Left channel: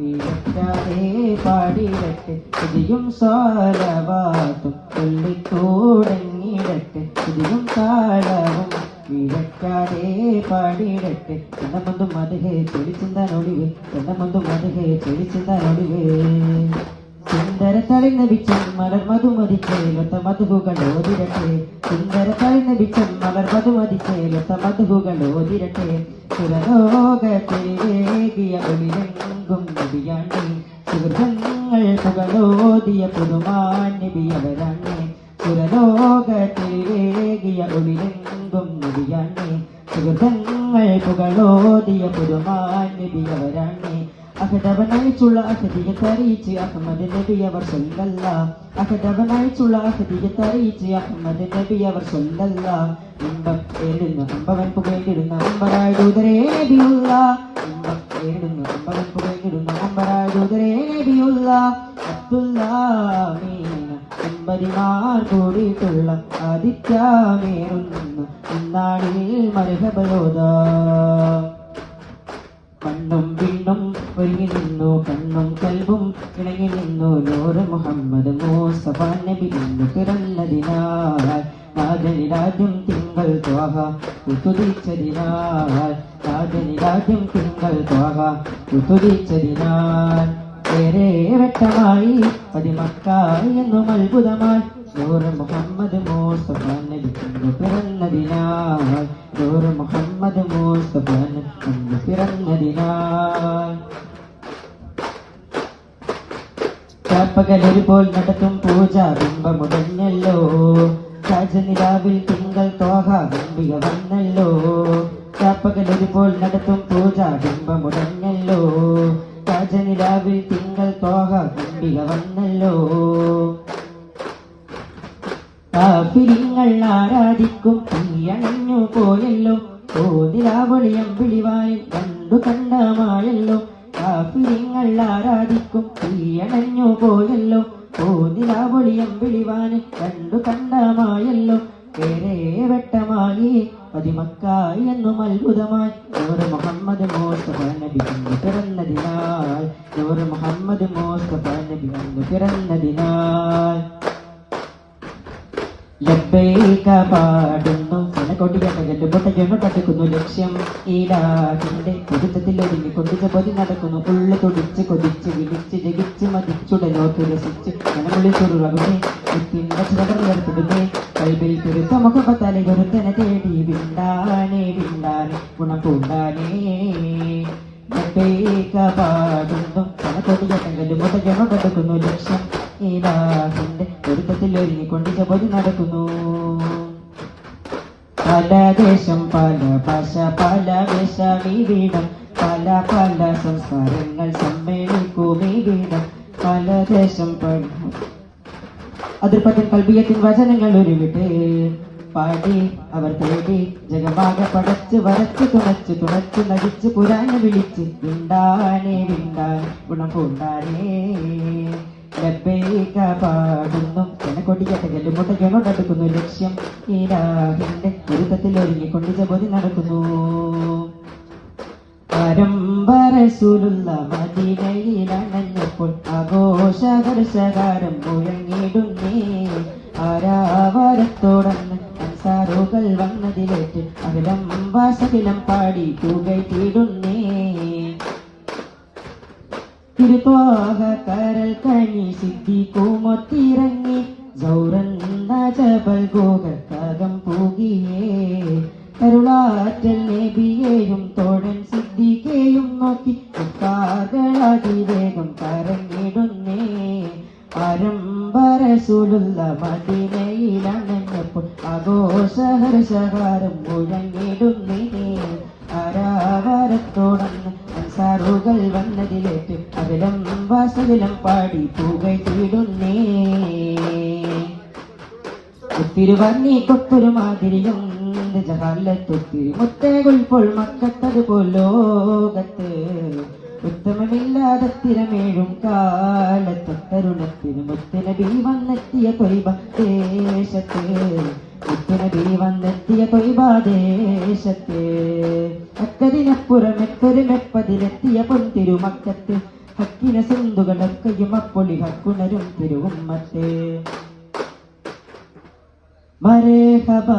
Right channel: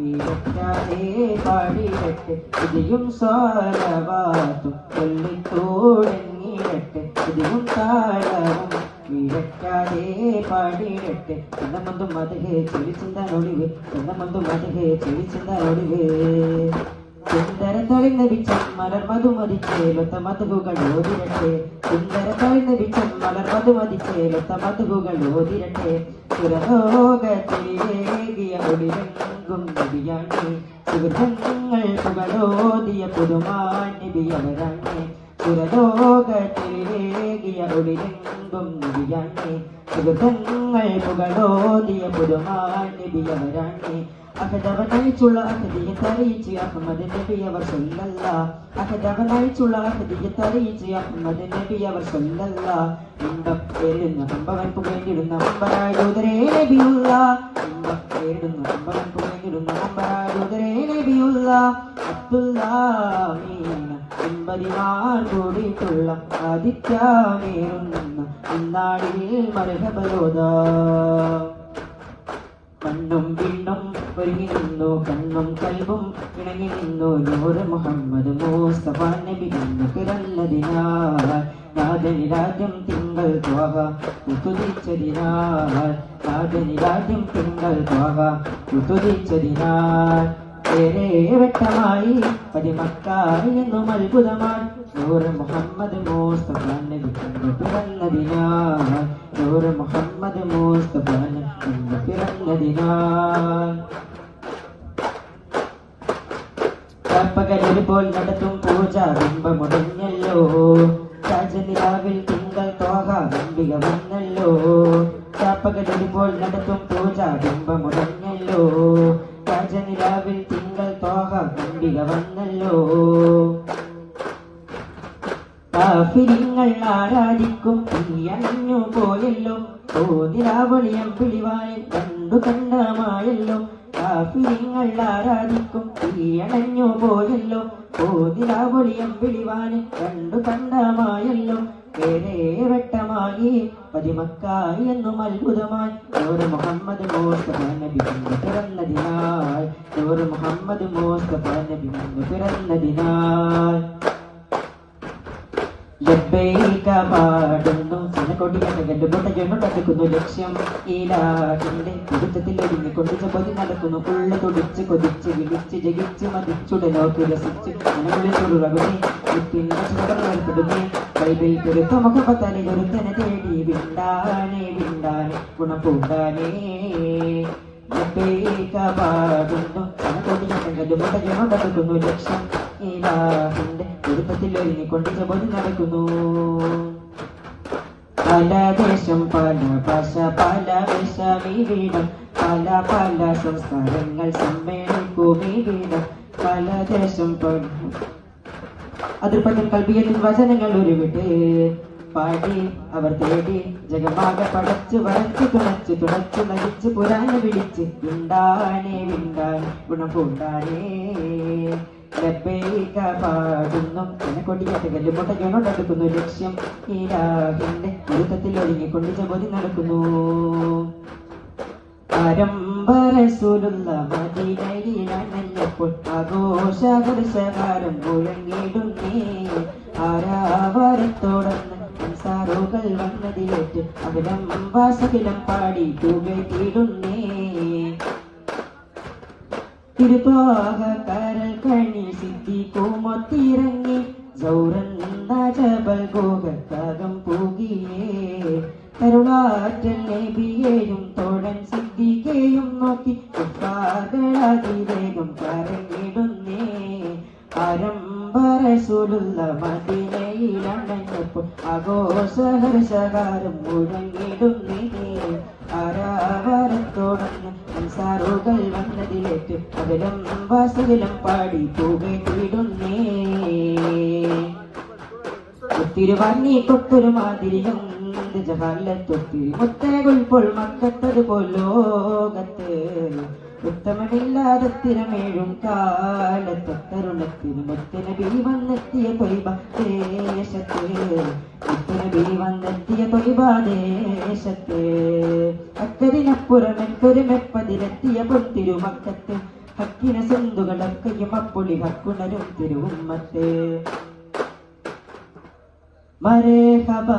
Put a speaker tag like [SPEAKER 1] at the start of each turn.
[SPEAKER 1] വീരറ്റാതെ പാടിയിടട്ടെ ശ്രുതിയും സ്വാരവാത്തും ചൊല്ലിത്തോടങ്ങിയിടട്ടെ ശ്രുതിയും താളവും വീരറ്റാതെ പാടിയിടട്ടെ കണ്ണമൊന്നും മതകെ ചെളിച്ചിന്ത ഒളിവ് കണ്ണമൊന്നും മതകെ ചെളിച്ചിന്ത ഒളിവ് സുന്ദര വിച്ചൻ മലർമതു മലർ മധുമതിച്ചേലൊത്ത മധുകൾ ഓതിരട്ടെ. സുന്ദര വിച്ചൻ മലർമതു മലർ മധുമതിച്ചേലൊത്ത മധുകൾ ഓതിരട്ടെ സുരലോകത്തേകിയ ഒളിരങ്കും നബിയാണേ സുഹൃത്തുങ്ങൾ പുകളോതിയ പുതുമാൻ നബിയവരാണേ സുരലോകത്തേകിയ ഒളിരങ്കും നബിയാണേ സുഹൃത്തുങ്ങൾ പുകളോതിയ പുതുമാൻ നബിയവരാണേ അഹദവനയിച്ചുള്ള അഹദിയത്തെ അറിയിച്ച് അഹമ്മദ് നബി അവർ സ്വന്തല്ല അഹദവനയിച്ചുള്ള അഹദിയത്തെ അറിയിച്ച് അഹമ്മദ് നബി അവർ സ്വന്തല്ല ഇമ്പം ഏഴുന്ന അമ്പവൻ പുകയിടുന്ന അമ്പരായുതരേ നബിയുള്ള ഇമ്പം ഏഴുന്ന അമ്പവൻ പുകയിടുന്ന അമ്പരായുതരേ നബിയുള്ള അബ്ദുല്ലാമീന എൺപതിമാർ കൂടിയിട്ടുള്ള ആദിത്യമേറുന്ന മരഹബലോദാ ഒരുങ്ങി നിന്നു കണ്ണും കൽവും ഇണങ്ങി നിന്നു. നൂറ് മുഹമ്മദ് മൂസ്തഫ നബി നിന്ന് പിറന്നതിനാൽ നാദനി രാജ്യം തിങ്കൾ തോഹ കുതുതിച്ചതിനാൽ നാദനി രാജ്യം തിങ്കൾ തോഹ കുതുതിച്ചതിനാൽ ഏറെ വ്യക്തമായി പതിമക്കായി എന്നും അത്ഭുതമായി നൂറ് മുഹമ്മദ് പകലൊരു പോൽ നടത്തും പൂജ ബിംബമുടഞ്ഞല്ലോ രാജനിലാവിൽ തിങ്കൾ തോഹ ബിംബിക വന്നല്ലോ പകലൊരു പോൽ നടത്തും പൂജ ബിംബമുടഞ്ഞല്ലോ രാജനിലാവിൽ തിങ്കൾ തോഹ ബിംബിക വന്നല്ലോ കാഫിരിങ്ങൾ ആരാധിക്കും തീയണഞ്ഞു പോയല്ലോ. തോതിലാവളിയം പിടിവായി കണ്ടു കണ്ടമായല്ലോ കാഫിരിങ്ങൾ ആരാധിക്കും തീയണഞ്ഞു പോയല്ലോ. തോതിലാവളിയം വിളിവാനി രണ്ടു കണ്ടമായല്ലോ. ഏറെ വെട്ടമായി പതിമക്കായി എന്നും അത്ഭുതമായി. നൂറ് മുഹമ്മദ് മോസ്തഫ നബി വന്ന് പിറന്നതിനാൽ. നൂറ് മുഹമ്മദ് മോസ്തഫ നബി വന്ന് പിറന്നതിനാൽ. ലബ്ബൈക പാടുന്നു കനകൊടിയകന്റെ മുട്ടയ്ക്കുന്നു തട്ടിക്കുന്നു. ലക്ഷ്യം ഈലാടിന്റെ കുടുത്തത്തിൽ ഒതുങ്ങി കൊണ്ടിച്ച കൊതി നടക്കുന്നു. ഉള്ള തുടിച്ച് കൊതിച്ച് വിളിച്ച് ജഗിച്ച് മതിച്ചുടലോക്ക് രസിച്ച് മനകളിൽ ചുരുളകുമേ മുത്തിന്റെ ചുടർന്നിടുമേ കൈബിൽ പെരുത്ത മുഖപ്പത്തലെ ഗുരുത്തനെ തേടി വിണ്ടാനേ വിണ്ടാനെ ഗുണപൂങ്കാനേ പാടുന്നു കനകൊടിയകന്റെ മുട്ടയ്ക്കുന്നു തട്ടിക്കുന്നു. ലക്ഷ്യം ഈലാടിന്റെ കുടുത്തത്തിൽ ഒരുങ്ങി കൊണ്ടിച്ച കൊതി നടക്കുന്നു. പല ദേശം പല ഭാഷ പല വേഷമീവിടം പല പല സംസ്കാരങ്ങൾ സമ്മേളിക്കുമീവിടം പല ദേശം പല അതിർപ്പത്തിൽ കൽബിയത്തിൻ വചനങ്ങൾ ഒരുവിട്ട് പാടി അവർ തേടി ജഗമാക പടച്ച് വരച്ച് തുടച്ച് തുടച്ച് നടിച്ച് പുരാന് വിളിച്ച് ഉണ്ടാണേ വിണ്ട ഗുണപൂണ്ടാനേ ലബ്ബൈക പാടുന്നു. കനക്കൊടിക്കട്ടകല്ല് മുട്ടകിണോട്ടടുക്കുന്നു ലക്ഷ്യം ഈരാഹിന്റെ കുരുത്തത്തിൽ ഒരുങ്ങി കൊണ്ടിച്ച പൊതി നടക്കുന്നു പുരുഷകാരം മുഴങ്ങിടുന്നേ ആരാവാരത്തോടന്ന് അൻസാറുകൾ വന്നതിലേറ്റും അവിടം വാസകിലം പാടി തൂകട്ടിടുന്നേ തിരുപോക കരൽ കണി സിദ്ധിക്കുമൊത്തിറങ്ങി ജൗറന്ന ജബൽ ഗോകത്തകം പൂകിയേ കരുളാറ്റൽ പരമ്പരസുലുള്ള മദിനയിലണഞ്ഞപ്പോൾ ആഘോഷഹർഷകാരം മുഴങ്ങിടുന്നിനെ ആരാവരത്തോടന്ന് സാറുകൾ വന്നതിലേക്ക് അവിലം വാസുവിലം പാടി പൂകട്ടിടുന്നേ ഒത്തിരി ഭംഗി കൊത്തൊരു മാതിരിയും ജഹാലത്തൊത്തിരി മുത്തേകൊൽപ്പോൾ മക്കത്തതുപോൽ ലോകത്ത്. ഉത്തമമില്ലാതെ തിരമേഴും കാലത്തരുണത്തിന് ബി വന്നെത്തിയ തൊയ്ബ ദേശത്ത്. ബി വന്നെത്തിയ തൊയ്ബ ദേശത്ത്. അക്കതിനപ്പുറം എക്കൊരു മെപ്പതിലെത്തിയ പൊന്തിരുമക്കത്ത് ഹക്കിന സിന്ധുകളൊക്കെയും അപ്പൊളി ഹക്കുണരും തിരുവന്മത്ത്. മരേഹബാ